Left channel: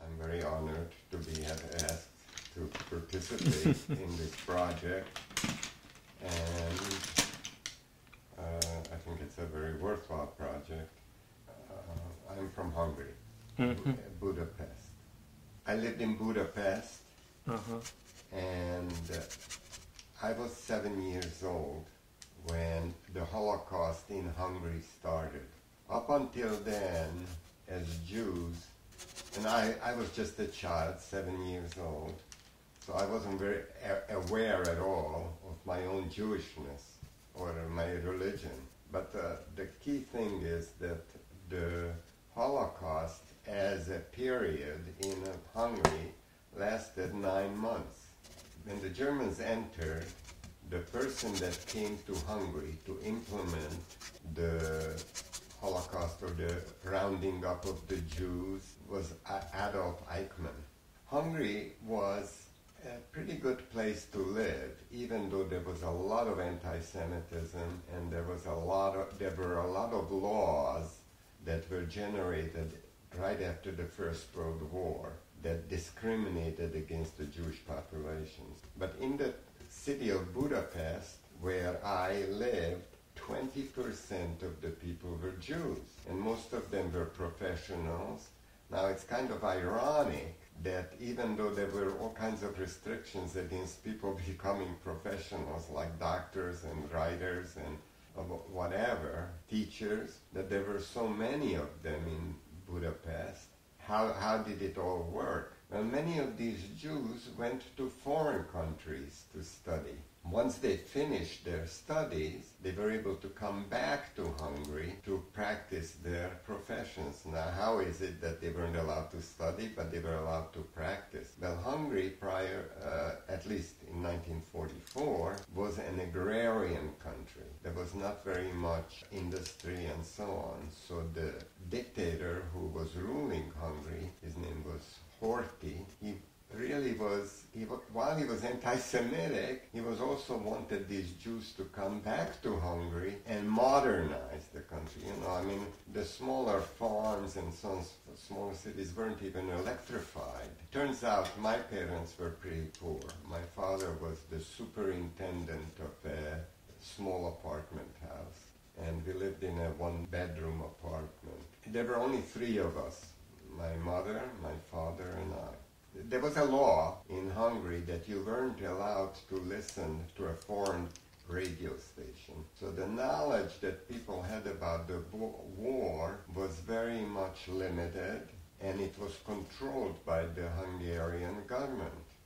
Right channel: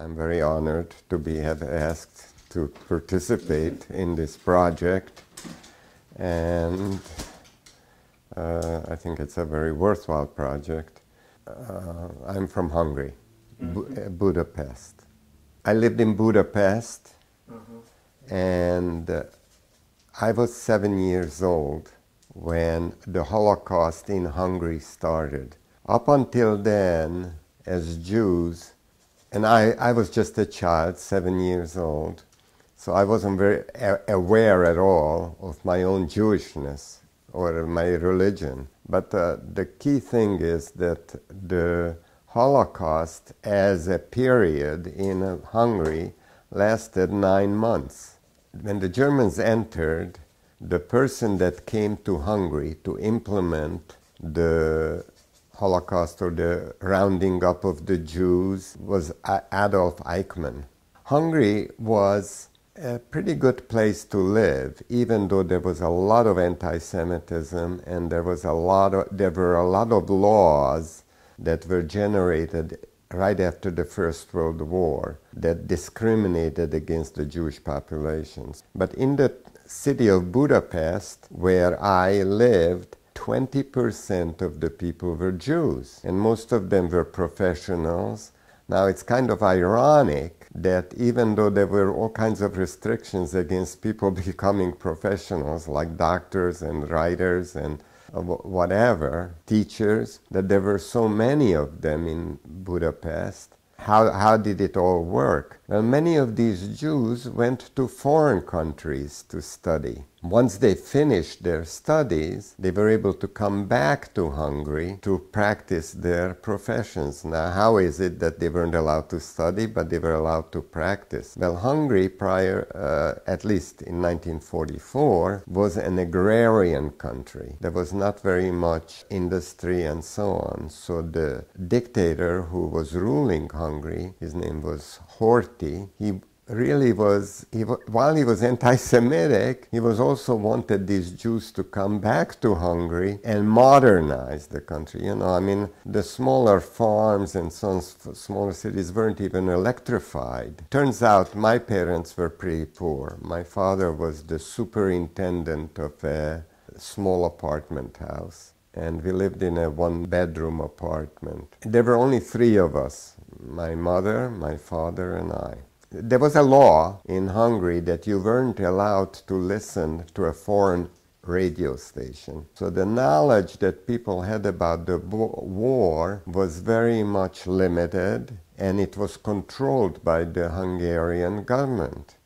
I'm very honored to be asked to participate in this project, and I think it's a very worthwhile project. I'm from Hungary, Budapest. I lived in Budapest, and I was 7 years old when the Holocaust in Hungary started. Up until then, as Jews, and I was just a child, 7 years old, so I wasn't very aware at all of my own Jewishness or my religion. But the key thing is that the Holocaust as a period in Hungary lasted 9 months. When the Germans entered, the person that came to Hungary to implement the Holocaust or the rounding up of the Jews was Adolf Eichmann. Hungary was a pretty good place to live, even though there was a lot of anti-Semitism and there were a lot of laws that were generated right after the First World War that discriminated against the Jewish populations. But in the city of Budapest, where I lived, 20% of the people were Jews, and most of them were professionals. Now, it's kind of ironic that even though there were all kinds of restrictions against people becoming professionals, like doctors and writers and whatever, teachers, that there were so many of them in Budapest. How did it all work? Well, many of these Jews went to foreign countries to study. Once they finished their studies, they were able to come back to Hungary to practice their professions. Now, how is it that they weren't allowed to study, but they were allowed to practice? Well, Hungary at least in 1944, was an agrarian country. There was not very much industry and so on. So the dictator who was ruling Hungary, his name was Horthy, while he was anti-Semitic, he was also wanted these Jews to come back to Hungary and modernize the country. You know, I mean, the smaller farms and some smaller cities weren't even electrified. Turns out my parents were pretty poor. My father was the superintendent of a small apartment house, and we lived in a one-bedroom apartment. There were only 3 of us, my mother, my father, and I. There was a law in Hungary that you weren't allowed to listen to a foreign radio station. So the knowledge that people had about the war was very much limited, and it was controlled by the Hungarian government.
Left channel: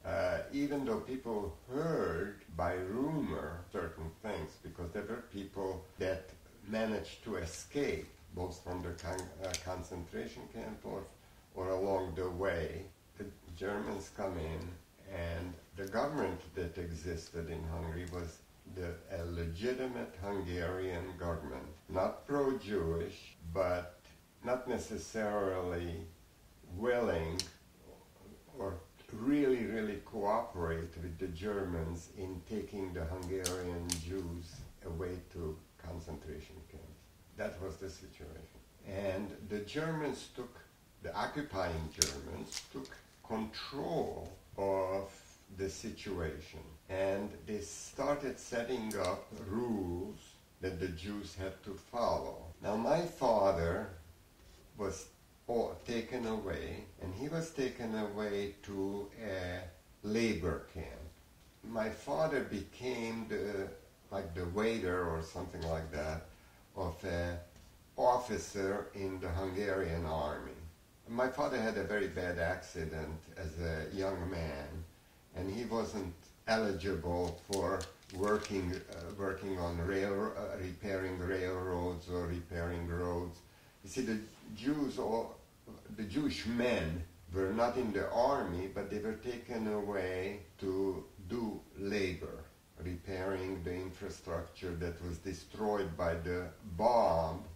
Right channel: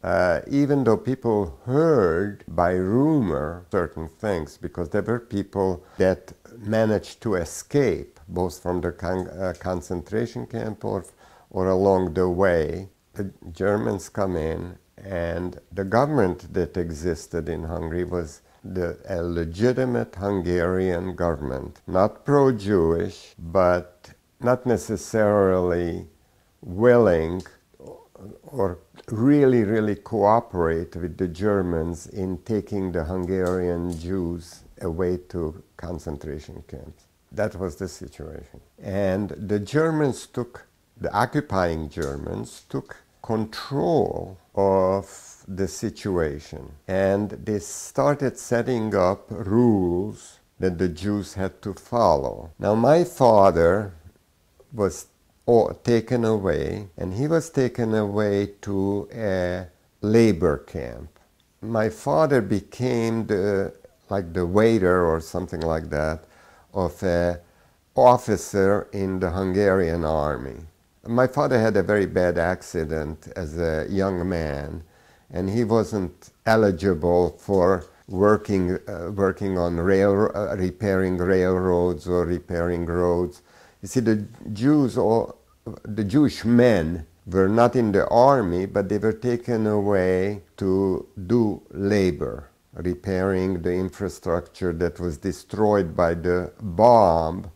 Even though people heard by rumor certain things, because there were people that managed to escape, both from the concentration camp or along the way. The Germans come in, and the government that existed in Hungary was a legitimate Hungarian government, not pro-Jewish, but not necessarily willing or really, really cooperate with the Germans in taking the Hungarian Jews away to concentration camps. That was the situation. And the occupying Germans took control of the situation, and they started setting up rules that the Jews had to follow. Now, my father was taken away, and he was taken away to a labor camp. My father became the waiter or something like that of an officer in the Hungarian army. My father had a very bad accident as a young man, and he wasn't eligible for working on repairing railroads or repairing roads. You see, the Jewish men were not in the army, but they were taken away to do labor, repairing the infrastructure that was destroyed by the bombs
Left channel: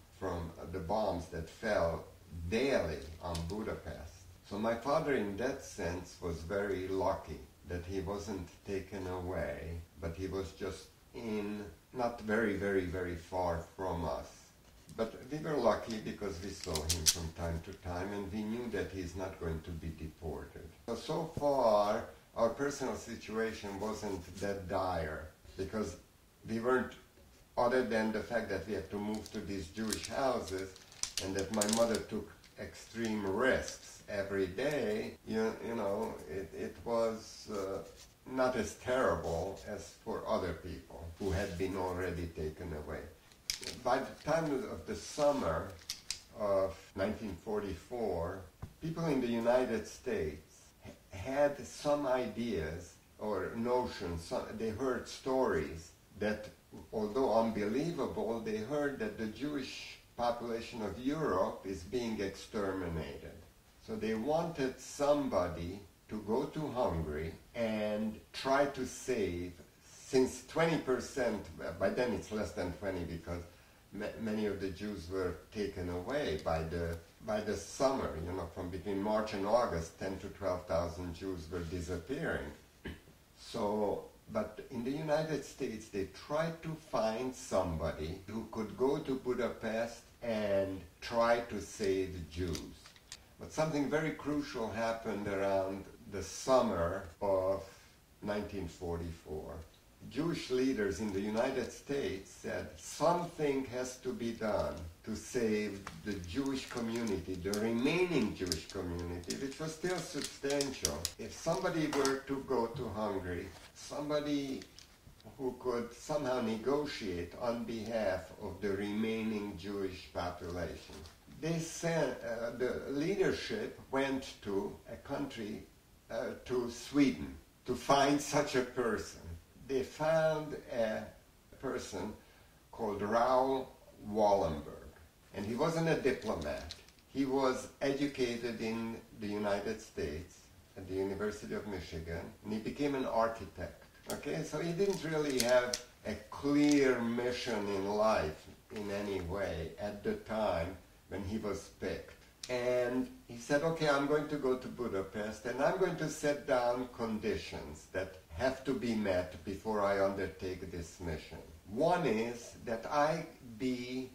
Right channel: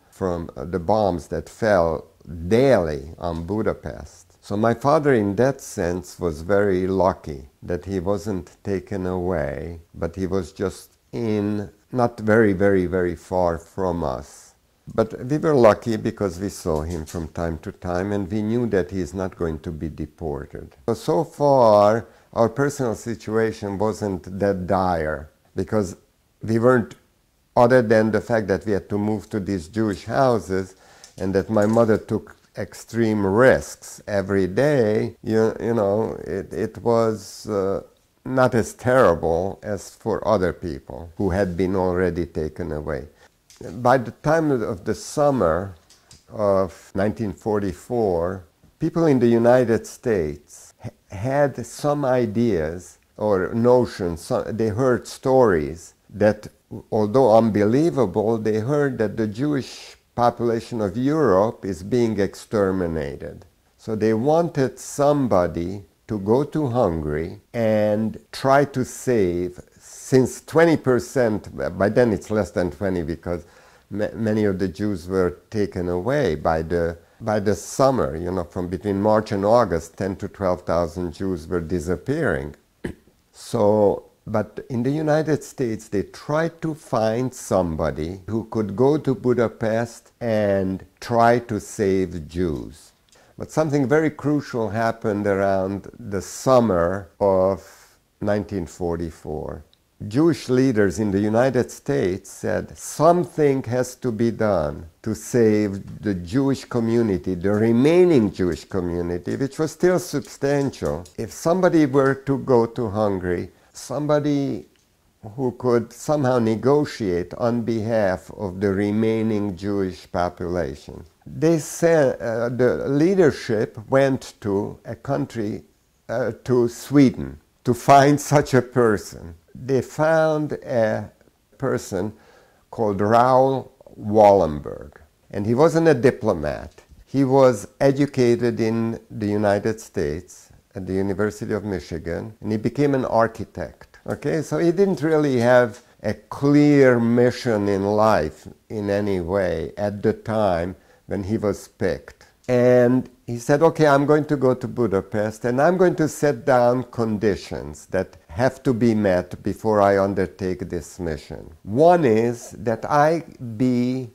that fell daily on Budapest. So my father, in that sense, was very lucky that he wasn't taken away, but he was just not very, very, very far from us. But we were lucky because we saw him from time to time and we knew that he is not going to be deported. So far, our personal situation wasn't that dire because we weren't, other than the fact that we had to move to these Jewish houses and that my mother took extreme risks every day, it was not as terrible as for other people who had been already taken away. By the time of the summer of 1944, people in the United States had some ideas or notions. They heard stories that, although unbelievable, they heard that the Jewish population of Europe is being exterminated. So they wanted somebody to go to Hungary and try to save, since 20%, by then it's less than 20 because many of the Jews were taken away by the summer, from between March and August, 10 to 12,000 Jews were disappearing. But in the United States, they tried to find somebody who could go to Budapest and try to save Jews. But something very crucial happened around the summer of 1944. Jewish leaders in the United States said something has to be done to save the Jewish community, the remaining Jewish community, which was still substantial. If somebody were to go to Hungary, somebody who could somehow negotiate on behalf of the remaining Jewish population. They said the leadership went to a country, to Sweden, to find such a person. They found a person called Raoul Wallenberg, and he wasn't a diplomat. He was educated in the United States at the University of Michigan, and he became an architect. Okay, so he didn't really have a clear mission in life in any way at the time when he was picked. And he said, okay, I'm going to go to Budapest and I'm going to set down conditions that have to be met before I undertake this mission. One is that I be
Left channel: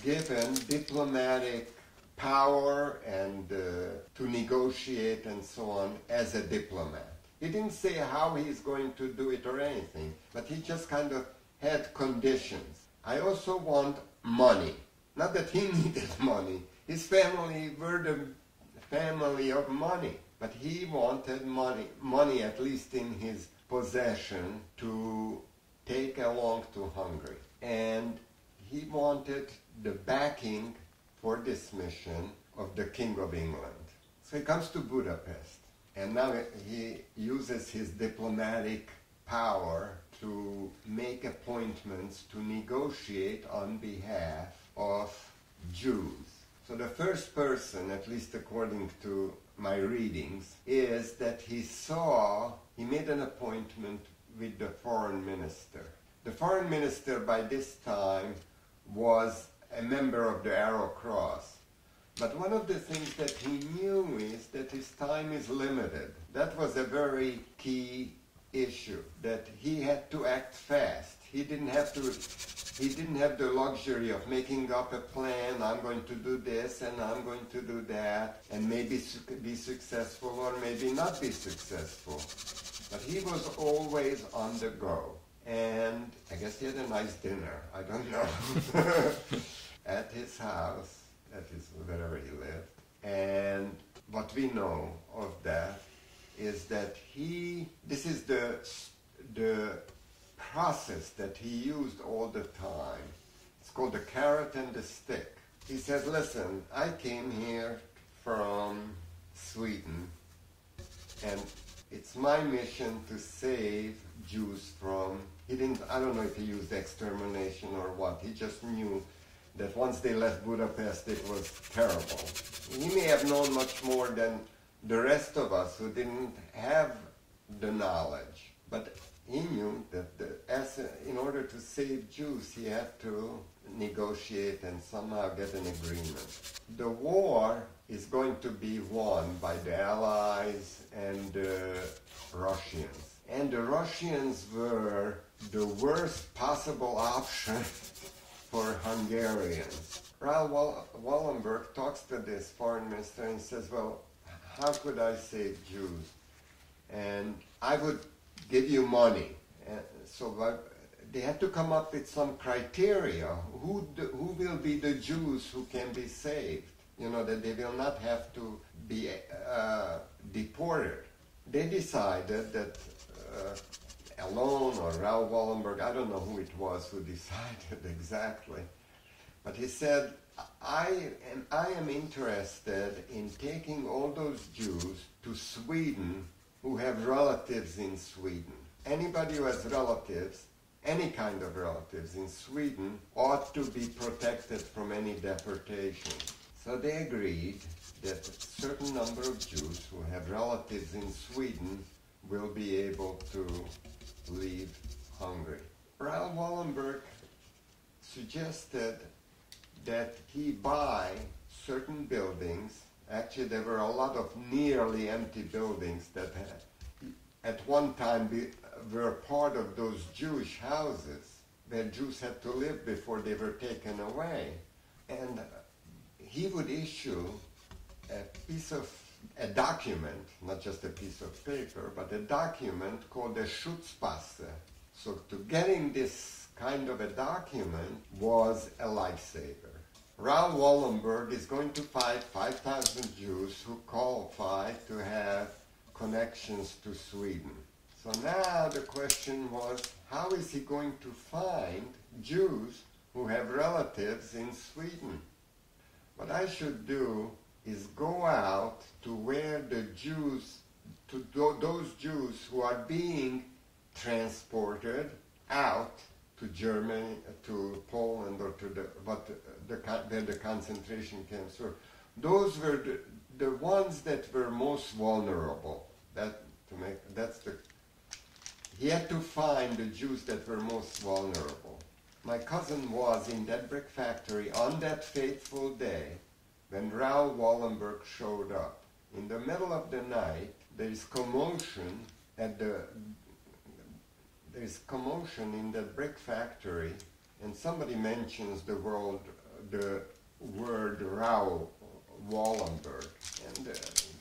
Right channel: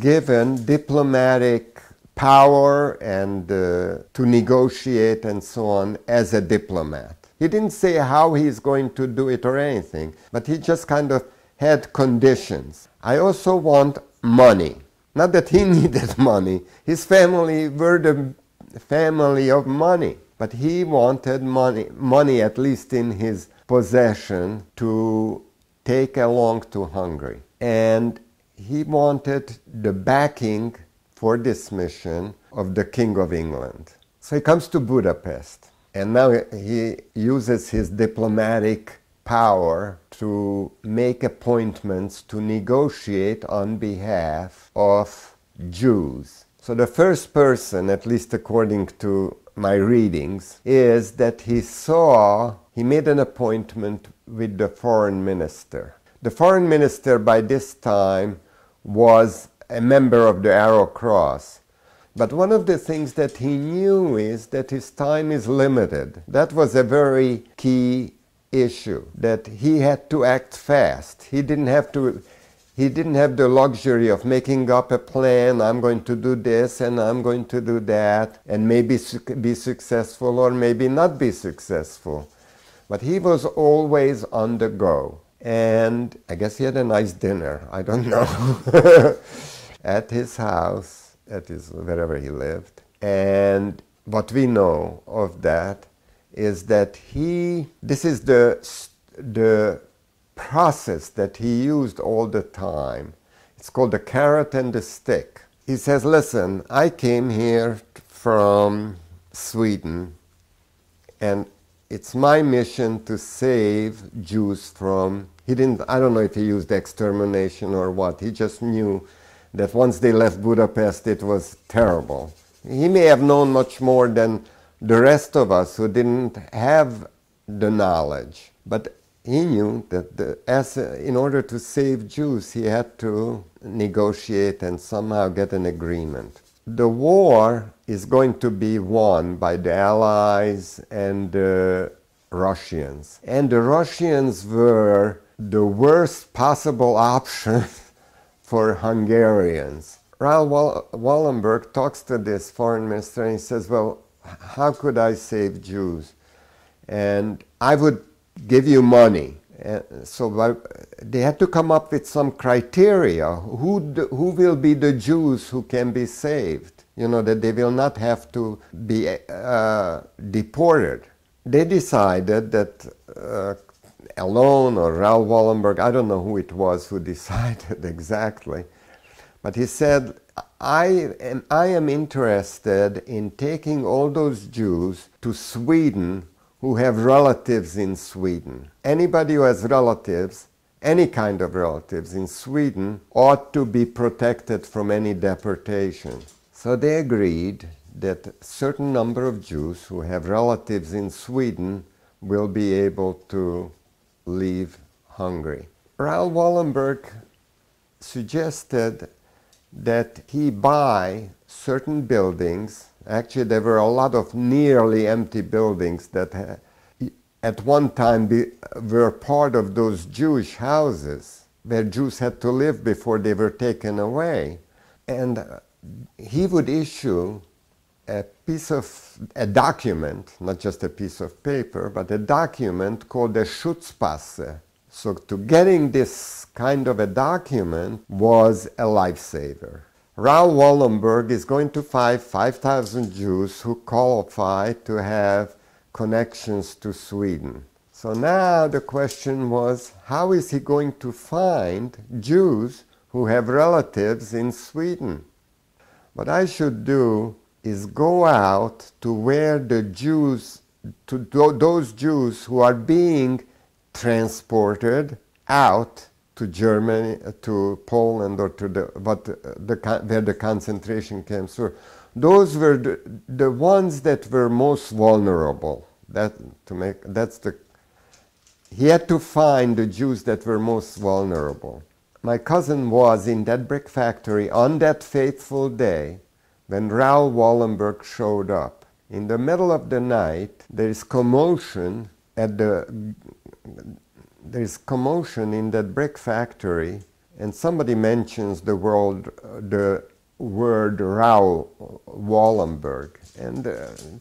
given diplomatic power and to negotiate and so on as a diplomat. He didn't say how he's going to do it or anything, but he just kind of had conditions. I also want money. Not that he needed money. His family were the family of money. But he wanted money at least in his possession to take along to Hungary. And he wanted the backing for this mission of the King of England. So he comes to Budapest. And now he uses his diplomatic power to make appointments to negotiate on behalf of Jews. So the first person, at least according to my readings, is that he made an appointment with the foreign minister. The foreign minister by this time was a member of the Arrow Cross. But one of the things that he knew is that his time is limited. That was a very key issue, that he had to act fast. He didn't have the luxury of making up a plan. I'm going to do this and I'm going to do that and maybe be successful or maybe not be successful. But he was always on the go. And I guess he had a nice dinner, I don't know, at his house, wherever he lived. And what we know of that is that this is the process that he used all the time. It's called the carrot and the stick. He says, listen, I came here from Sweden and it's my mission to save Jews from, I don't know if he used extermination or what, he just knew that once they left Budapest it was terrible. He may have known much more than the rest of us who didn't have the knowledge, but he knew that in order to save Jews, he had to negotiate and somehow get an agreement. The war is going to be won by the Allies and the Russians. And the Russians were the worst possible option for Hungarians. Raoul Wallenberg talks to this foreign minister and he says, well, how could I save Jews? And I would give you money. So they had to come up with some criteria. Who will be the Jews who can be saved? You know, that they will not have to be deported. They decided that alone, or Raoul Wallenberg, I don't know who it was who decided exactly, but he said, I am interested in taking all those Jews to Sweden who have relatives in Sweden. Anybody who has relatives, any kind of relatives in Sweden, ought to be protected from any deportation. So they agreed that a certain number of Jews who have relatives in Sweden will be able to leave Hungary. Raoul Wallenberg suggested that he buy certain buildings. Actually, there were a lot of nearly empty buildings that at one time were part of those Jewish houses where Jews had to live before they were taken away. And he would issue a document, not just a piece of paper, but a document called a Schutzpasse. So to getting this kind of a document was a lifesaver. Raoul Wallenberg is going to find 5,000 Jews who qualify to have connections to Sweden. So now the question was, how is he going to find Jews who have relatives in Sweden? What I should do is go out to where the Jews, to those Jews who are being transported out to Germany, to Poland, or to where the concentration camps were. Those were the ones that were most vulnerable. He had to find the Jews that were most vulnerable. My cousin was in that brick factory on that fateful day when Raoul Wallenberg showed up. In the middle of the night, there is commotion in that brick factory, and somebody mentions the word Raoul Wallenberg. And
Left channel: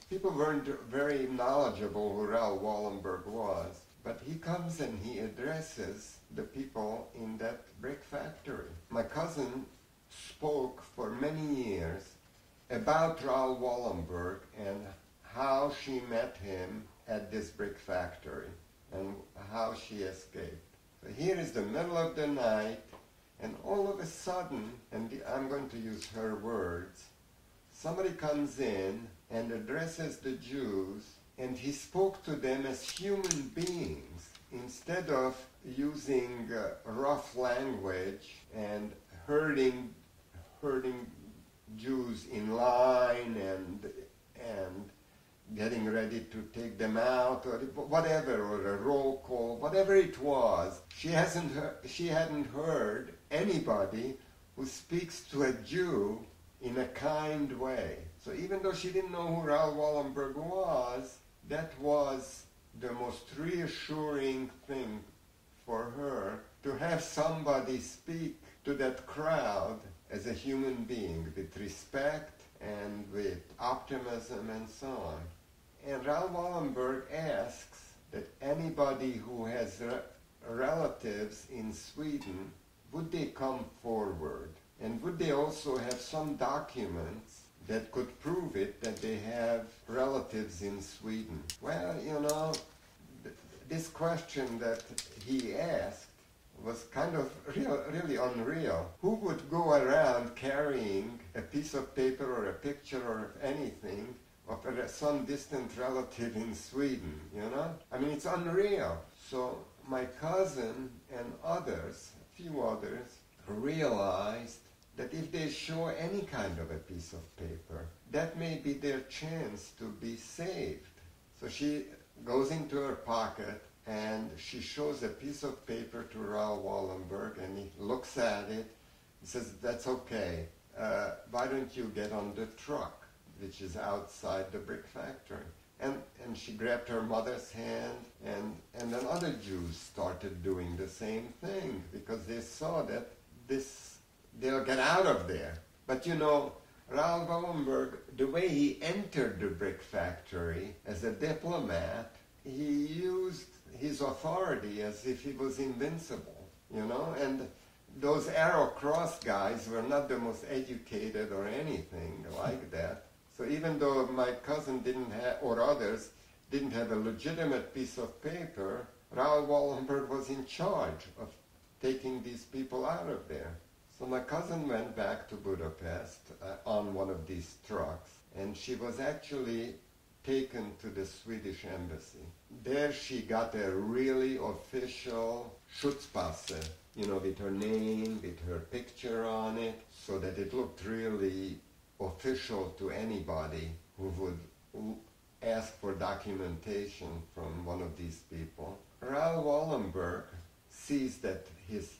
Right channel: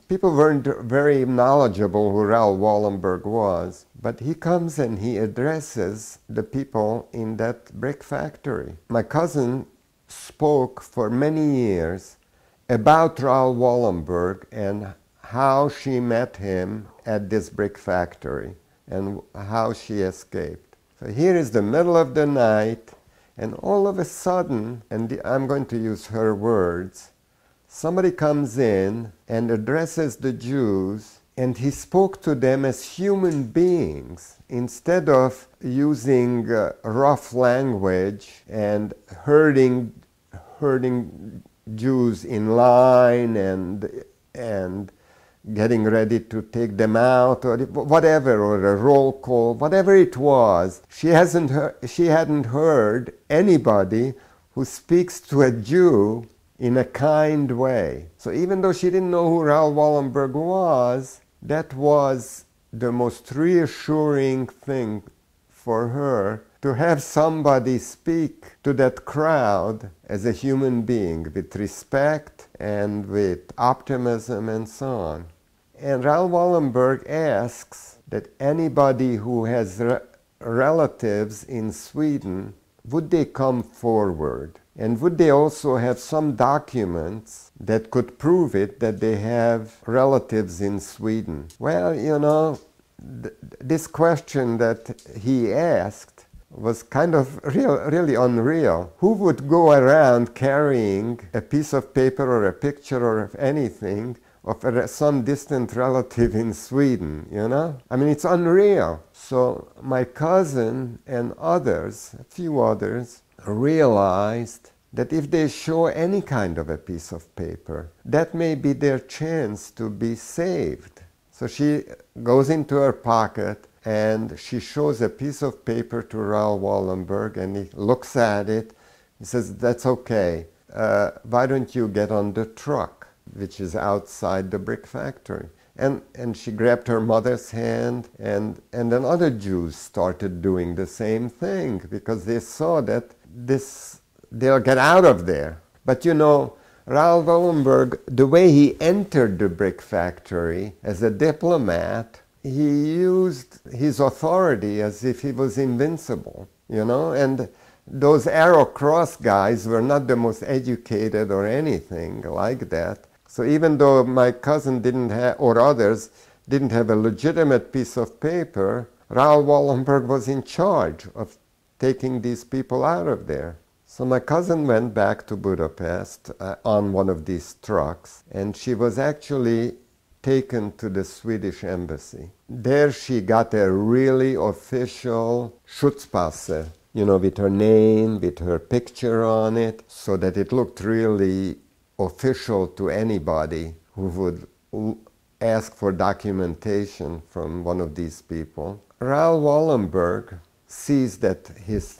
people weren't very knowledgeable who Raoul Wallenberg was, but he comes and he addresses the people in that brick factory. My cousin spoke for many years about Raoul Wallenberg and how she met him at this brick factory and how she escaped. So here is the middle of the night, and all of a sudden, and I'm going to use her words, somebody comes in and addresses the Jews, and he spoke to them as human beings instead of using rough language and herding Jews in line and getting ready to take them out, or whatever, or a roll call, whatever it was. She hadn't heard anybody who speaks to a Jew in a kind way. So even though she didn't know who Raoul Wallenberg was, that was the most reassuring thing for her, to have somebody speak to that crowd as a human being with respect and with optimism and so on. And Raoul Wallenberg asks that anybody who has relatives in Sweden, would they come forward? And would they also have some documents that could prove it, that they have relatives in Sweden? Well, you know, this question that he asked was kind of really unreal. Who would go around carrying a piece of paper or a picture or anything of some distant relative in Sweden, you know? I mean, it's unreal. So my cousin and others, a few others, realized that if they show any kind of a piece of paper, that may be their chance to be saved. So she goes into her pocket and she shows a piece of paper to Raoul Wallenberg, and he looks at it. He says, "That's okay. Why don't you get on the truck, which is outside the brick factory?" And she grabbed her mother's hand, and then other Jews started doing the same thing, because they saw that this they'll get out of there. But you know, Raoul Wallenberg, the way he entered the brick factory as a diplomat, he used his authority as if he was invincible, you know, and those Arrow Cross guys were not the most educated or anything like that. So even though my cousin didn't have, or others, didn't have a legitimate piece of paper, Raoul Wallenberg was in charge of taking these people out of there. So my cousin went back to Budapest on one of these trucks, and she was actually taken to the Swedish embassy. There she got a really official Schutzpasse, you know, with her name, with her picture on it, so that it looked really official to anybody who would ask for documentation from one of these people. Raoul Wallenberg sees that his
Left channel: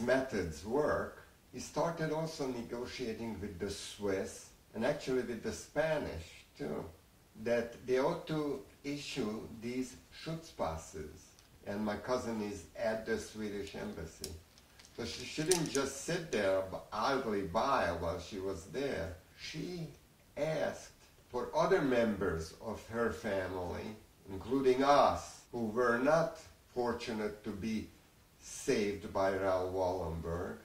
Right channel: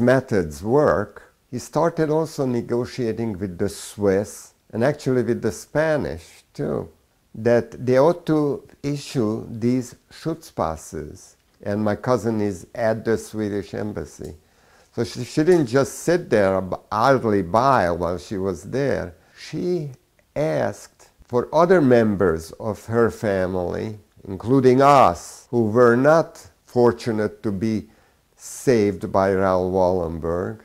methods work. He started also negotiating with the Swiss and actually with the Spanish too, that they ought to issue these Schutzpasses. And my cousin is at the Swedish embassy. So she didn't just sit there idly by while she was there. She asked for other members of her family, including us, who were not fortunate to be saved by Raoul Wallenberg.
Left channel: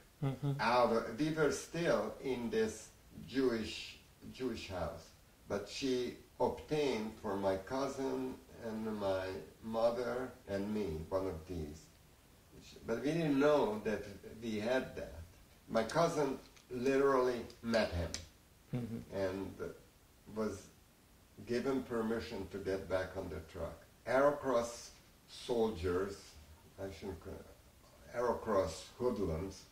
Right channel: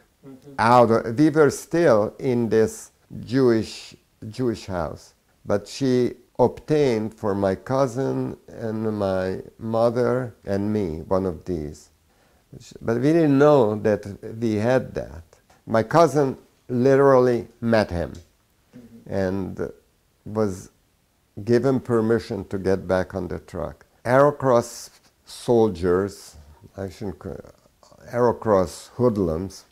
We were still in this Jewish house, but she obtained for my cousin and my mother and me one of these. But we didn't know that we had that. My cousin literally met him and was given permission to get back on the truck. Arrow Cross soldiers, Arrow Cross hoodlums,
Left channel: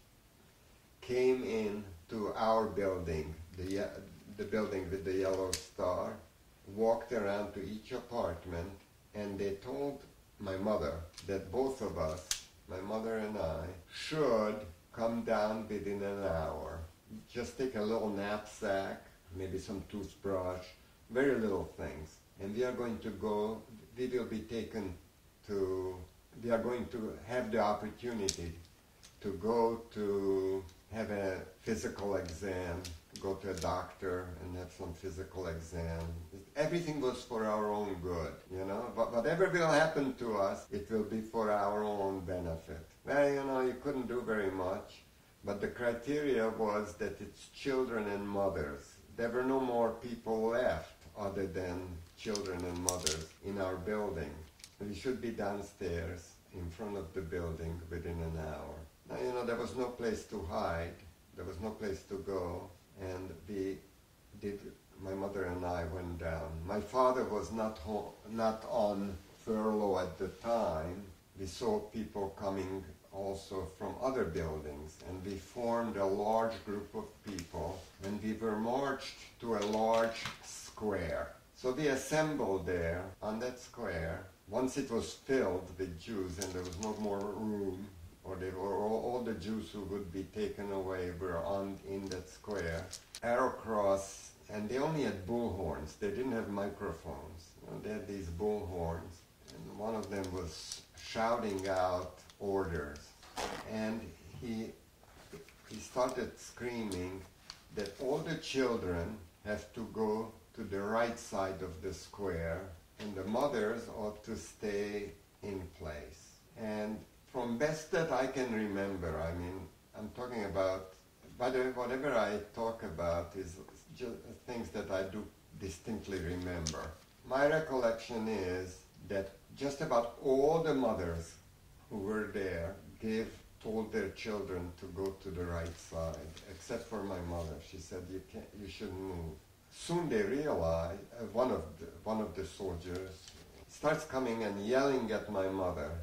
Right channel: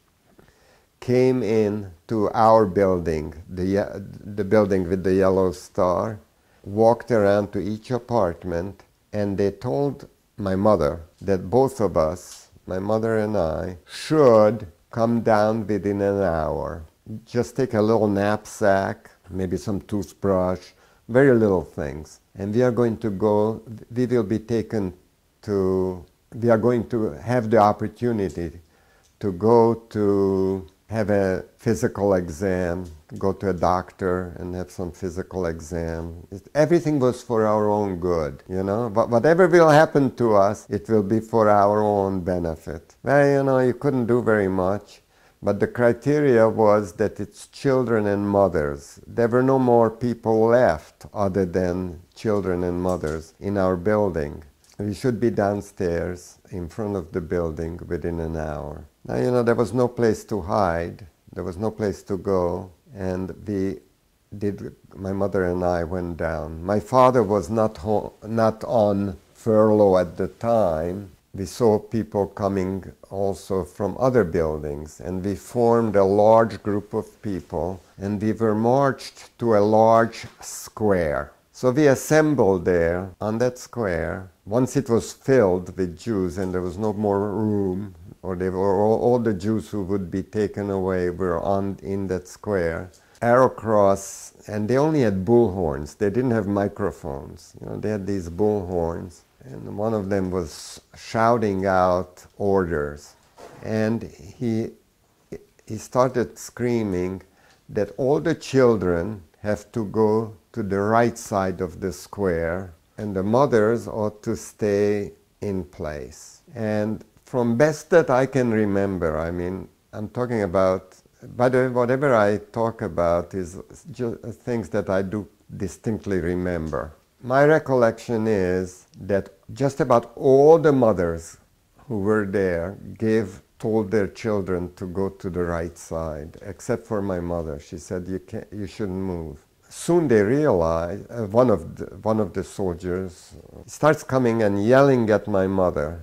came in to our building, the building with the yellow star, walked around to each apartment, and they told my mother that both of us, my mother and I, should come down within an hour. Just take a little knapsack, maybe some toothbrush, very little things. And we are going to go, we will be taken to, we are going to have the opportunity to go to have a physical exam, go to a doctor and have some physical exam. Everything was for our own good, you know. But whatever will happen to us, it will be for our own benefit. Well, you know, you couldn't do very much, but the criteria was that it's children and mothers. There were no more people left other than children and mothers in our building. We should be downstairs in front of the building within an hour. Now, you know, there was no place to hide. There was no place to go. And my mother and I went down. My father was not on furlough at the time. We saw people coming also from other buildings. And we formed a large group of people. And we were marched to a large square. So we assembled there on that square. Once it was filled with Jews and there was no more room, or they were all the Jews who would be taken away were in that square. Arrow Cross, and they only had bullhorns. They didn't have microphones. You know, they had these bullhorns, and one of them was shouting out orders. And he started screaming that all the children have to go to the right side of the square, and the mothers ought to stay in place. And from best that I can remember, I mean, I'm talking about, by the way, whatever I talk about is just things that I do distinctly remember. My recollection is that just about all the mothers who were there told their children to go to the right side, except for my mother. She said, you shouldn't move. Soon they realized, one of the soldiers starts coming and yelling at my mother,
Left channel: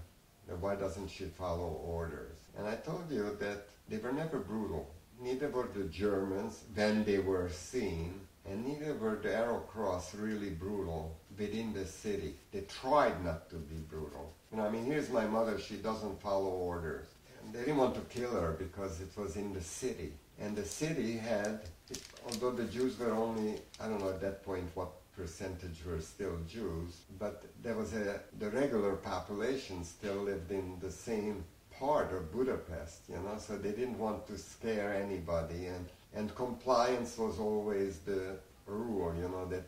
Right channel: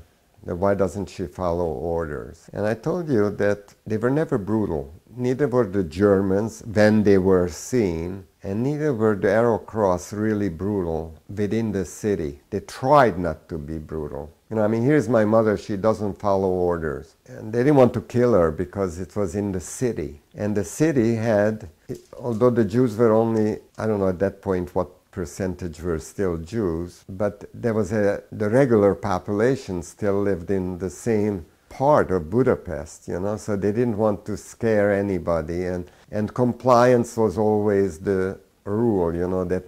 that why doesn't she follow orders? And I told you that they were never brutal. Neither were the Germans when they were seen, and neither were the Arrow Cross really brutal within the city. They tried not to be brutal. You know, I mean, here's my mother, she doesn't follow orders. And they didn't want to kill her because it was in the city. And the city had, although the Jews were only, I don't know at that point what percentage were still Jews, but there was the regular population still lived in the same part of Budapest, you know, so they didn't want to scare anybody, and compliance was always the rule, you know, that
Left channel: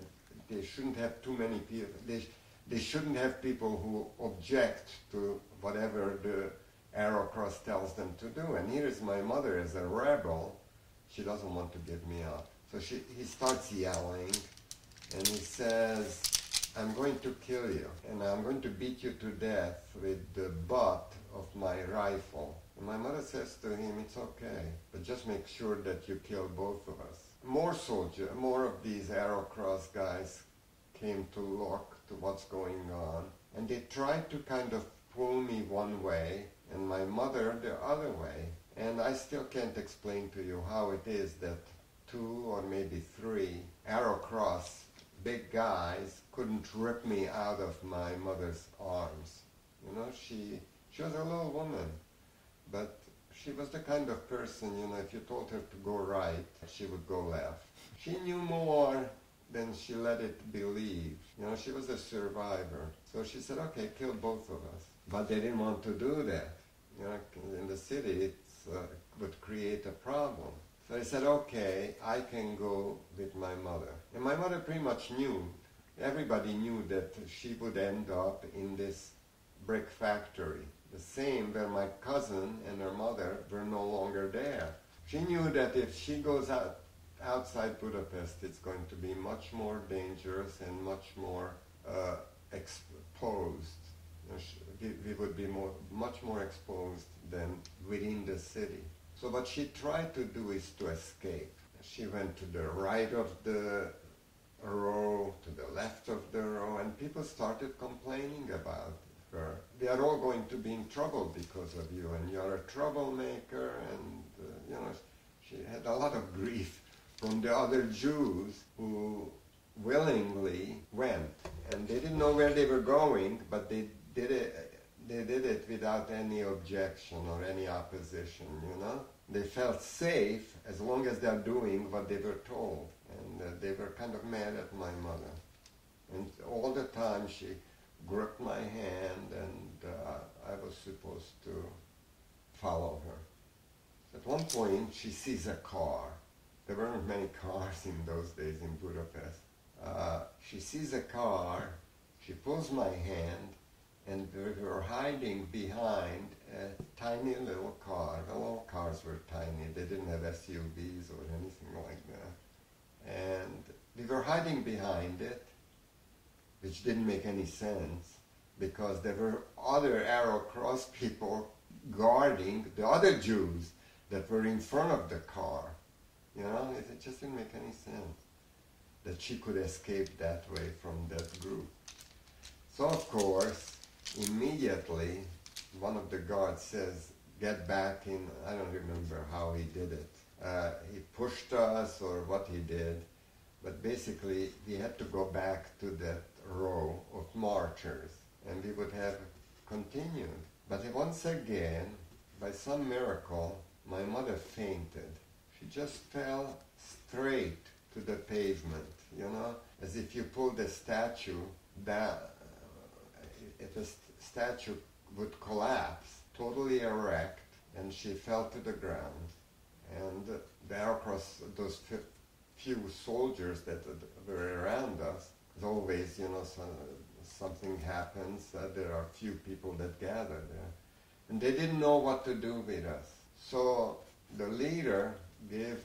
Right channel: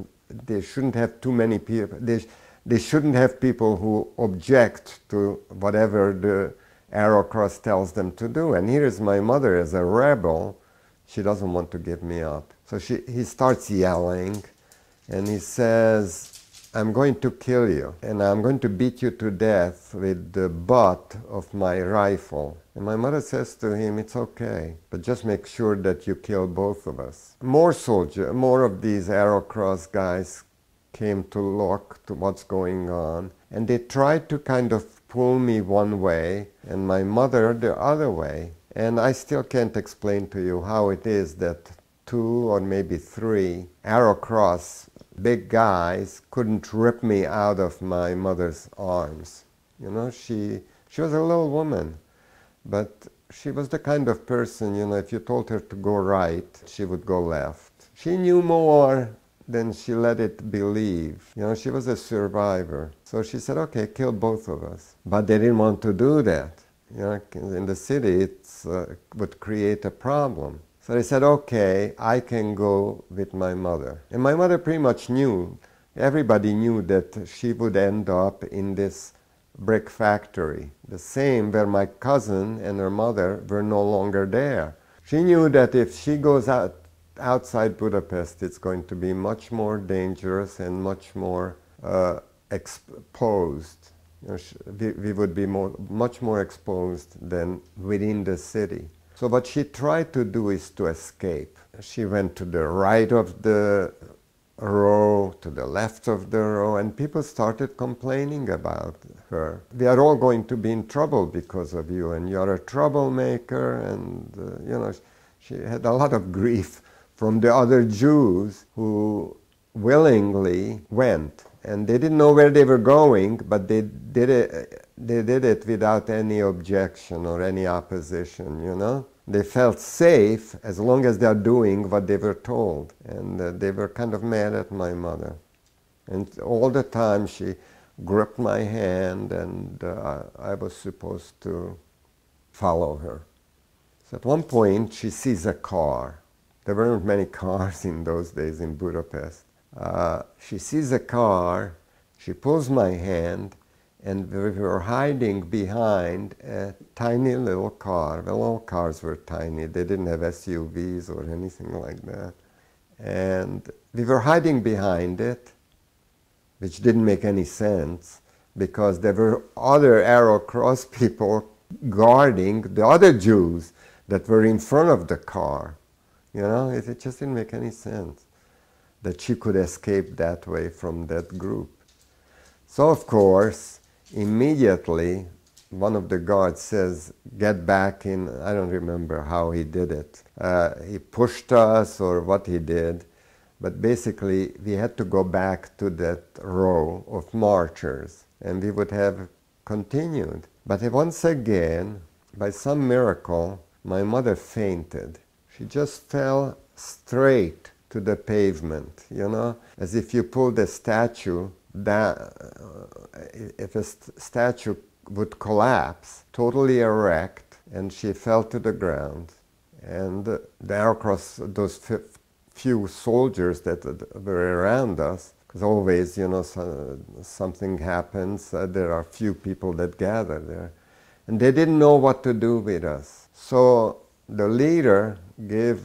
they shouldn't have too many people, they shouldn't have people who object to whatever the Arrow Cross tells them to do. And here's my mother as a rebel. She doesn't want to give me up. So he starts yelling, and he says, I'm going to kill you, and I'm going to beat you to death with the butt of my rifle. And my mother says to him, it's okay, but just make sure that you kill both of us. More of these Arrow Cross guys came to look to what's going on, and they tried to kind of pull me one way and my mother the other way. And I still can't explain to you how it is that 2 or maybe 3 Arrow Cross big guys couldn't rip me out of my mother's arms. You know, she was a little woman, but she was the kind of person, you know, if you told her to go right, she would go left. She knew more than she let it believe. You know, she was a survivor. So she said, okay, kill both of us. But they didn't want to do that. You know, in the city, it would create a problem. So they said, okay, I can go with my mother. And my mother pretty much knew, everybody knew that she would end up in this brick factory, the same where my cousin and her mother were no longer there. She knew that if she goes outside Budapest, it's going to be much more dangerous and much more exposed. You know, we would be much more exposed than within the city. So what she tried to do is to escape. She went to the right of the row, to the left of the row, and people started complaining about her. We are all going to be in trouble because of you, and you're a troublemaker, and you know, she had a lot of grief from the other Jews who willingly went. And they didn't know where they were going, but they did it without any objection or any opposition, you know. They felt safe as long as they're doing what they were told. And they were kind of mad at my mother. And all the time she gripped my hand, and I was supposed to follow her. So at one point she sees a car. There weren't many cars in those days in Budapest. She sees a car, she pulls my hand, and we were hiding behind a tiny little car. Well, all cars were tiny. They didn't have SUVs or anything like that. And we were hiding behind it, which didn't make any sense, because there were other Arrow Cross people guarding the other Jews that were in front of the car. You know, it just didn't make any sense that she could escape that way from that group. So, of course, immediately one of the guards says, get back in. I don't remember how he did it. He pushed us or what he did, but basically we had to go back to that row of marchers, and we would have continued. But once again, by some miracle, my mother fainted. She just fell straight to the pavement, you know, as if you pulled a statue down. If a statue would collapse, totally erect, and she fell to the ground. And the Arrow Cross, those few soldiers that were around us, because always, you know, something happens, there are few people that gather there, and they didn't know what to do with us. So the leader gave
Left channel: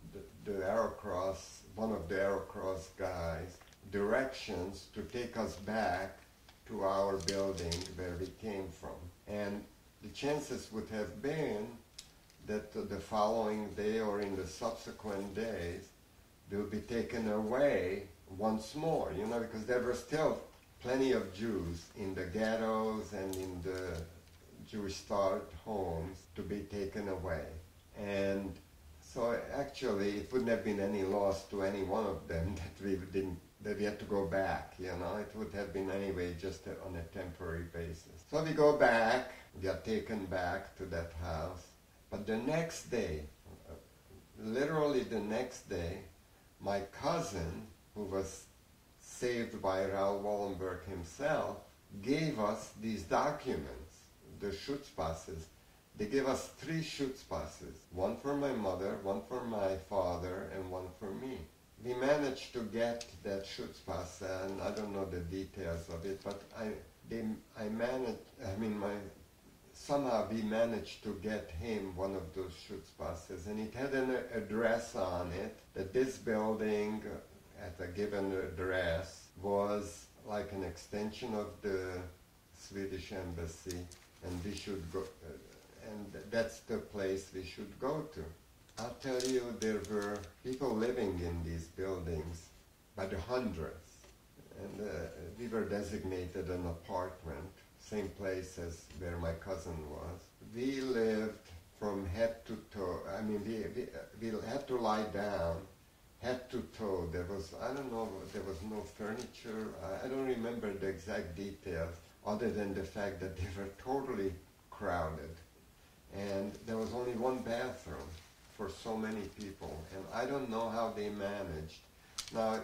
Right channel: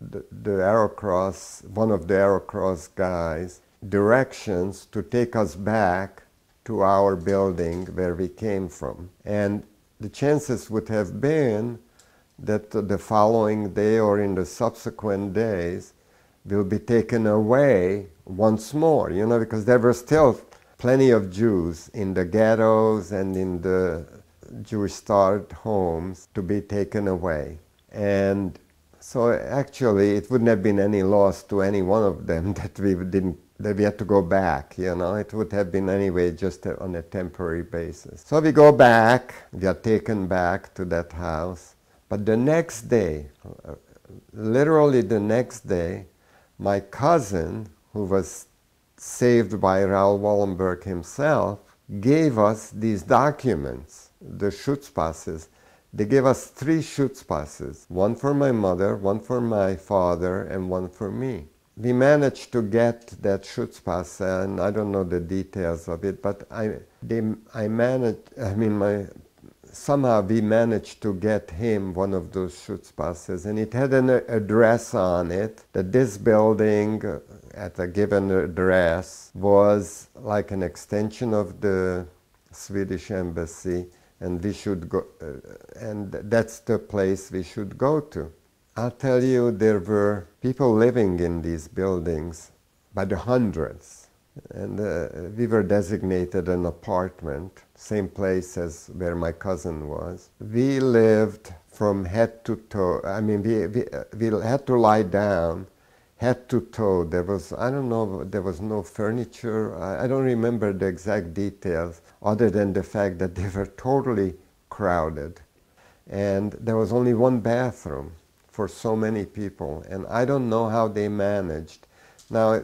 the Arrow Cross, one of the Arrow Cross guys, directions to take us back to our building where we came from. And the chances would have been that the following day or in the subsequent days will be taken away once more, you know, because there were still plenty of Jews in the ghettos and in the Jewish-starved homes to be taken away. And so actually it wouldn't have been any loss to any one of them that we had to go back, you know. It would have been anyway just on a temporary basis. So we go back, we are taken back to that house. But the next day, literally the next day, my cousin, who was saved by Raoul Wallenberg himself, gave us these documents, the Schutzpasses, They gave us 3 Schutzpasses, one for my mother, one for my father, and one for me. We managed to get that Schutzpass, and I don't know the details of it, but somehow we managed to get him one of those Schutzpasses, and it had an address on it, that this building at a given address was like an extension of the Swedish embassy, and we should go, and that's the place we should go to. I'll tell you, there were people living in these buildings by the hundreds, and we were designated an apartment, same place as where my cousin was. We lived from head to toe. I mean, we had to lie down, head to toe. There was, I don't know, there was no furniture. I don't remember the exact details, other than the fact that they were totally crowded. And there was only one bathroom for so many people. And I don't know how they managed. Now,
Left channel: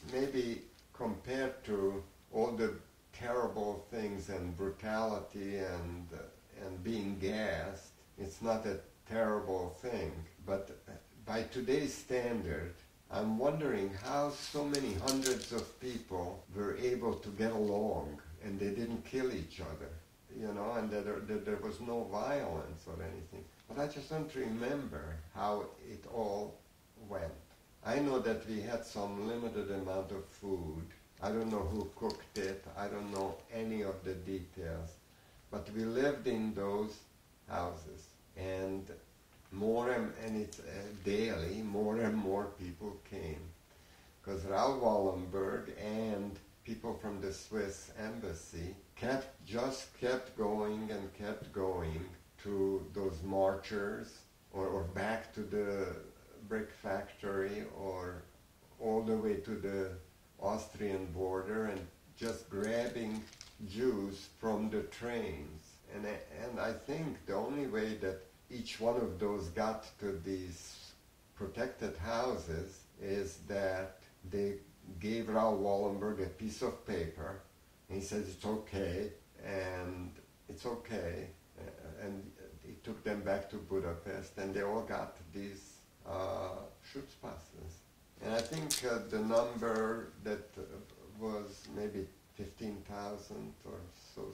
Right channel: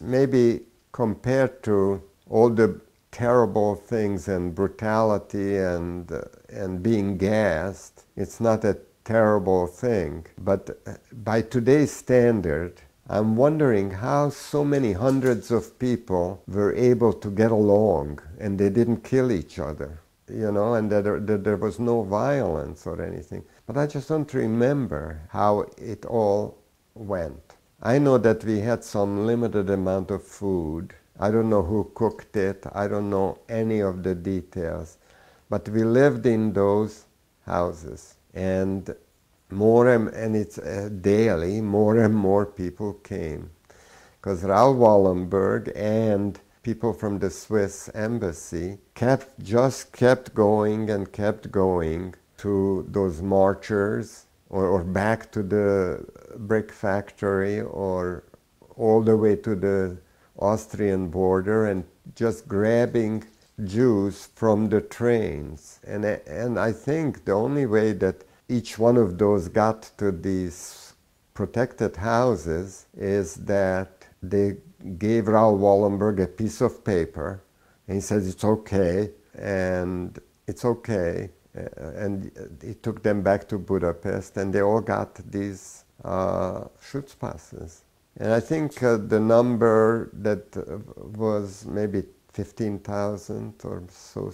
maybe compared to all the terrible things and brutality and being gassed, it's not a terrible thing. But by today's standard, I'm wondering how so many hundreds of people were able to get along and they didn't kill each other, you know, and that there was no violence or anything. But I just don't remember how it all went. I know that we had some limited amount of food. I don't know who cooked it. I don't know any of the details. But we lived in those houses, and it's daily, more and more people came. Because Raoul Wallenberg and people from the Swiss embassy just kept going and kept going to those marchers, or back to the brick factory, or all the way to the Austrian border, and just grabbing Jews from the trains. And I think the only way that each one of those got to these protected houses is that they gave Raoul Wallenberg a piece of paper, and he said it's okay, and it's okay. And he took them back to Budapest, and they all got these Schutzpasses. And I think the number that was maybe 15,000 or so,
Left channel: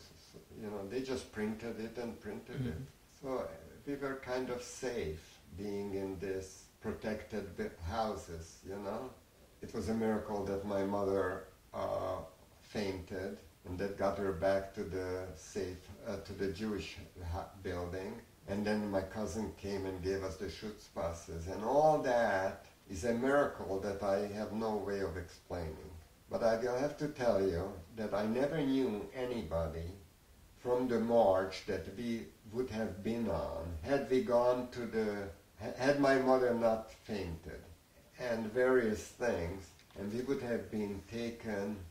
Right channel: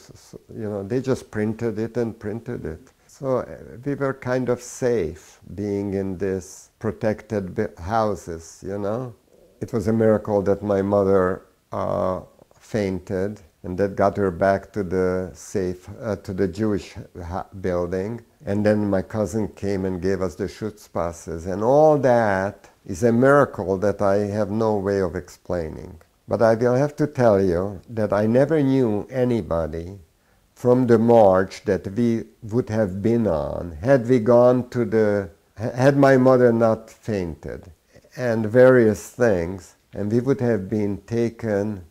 you know, they just printed it and printed it. So we were kind of safe being in this protected houses, you know. It was a miracle that my mother fainted, and that got her back to the to the Jewish building. And then my cousin came and gave us the Schutzpasses, and all that is a miracle that I have no way of explaining. But I will have to tell you that I never knew anybody from the march that we would have been on had we gone to had my mother not fainted, and various things, and we would have been taken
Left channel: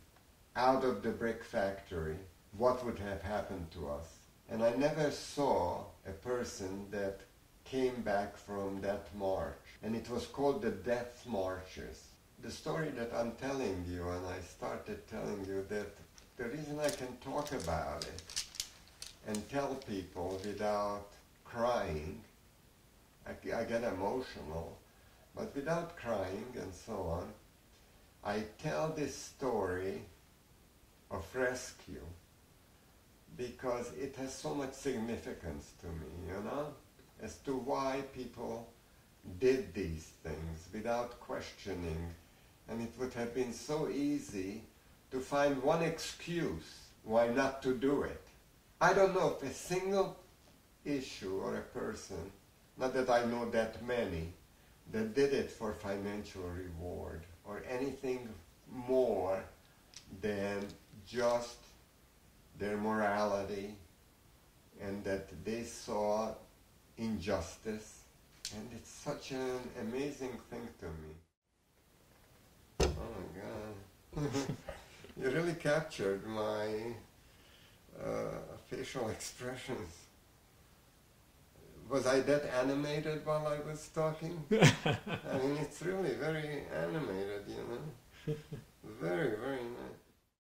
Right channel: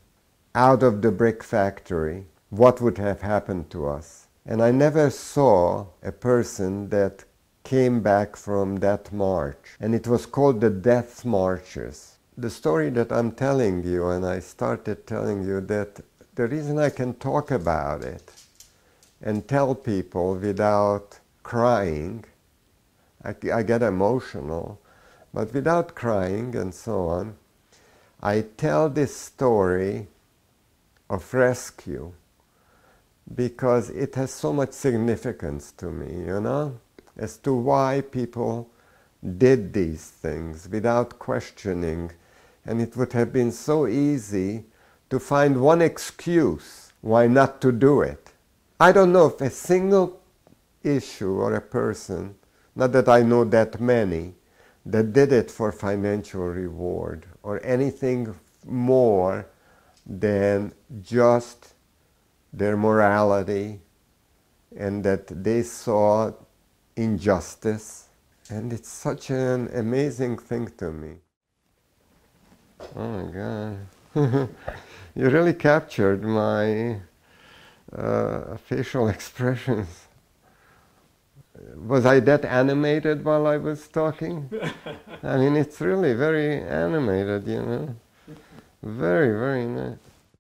out of the brick factory. What would have happened to us? And I never saw a person that came back from that march, and it was called the Death Marches. The story that I'm telling you, and I started telling you, that the reason I can talk about it and tell people without crying, I get emotional, but without crying and so on, I tell this story of rescue because it has so much significance to me, you know, as to why people did these things without questioning. And it would have been so easy to find one excuse why not to do it. I don't know if a single issue or a person, not that I know that many, that did it for financial reward or anything more than just their morality, and that they saw injustice. And it's such an amazing thing to me. Oh my God. You really captured my facial expressions. Was I that animated while I was talking? I mean, it's really very animated, you know. Very, very nice.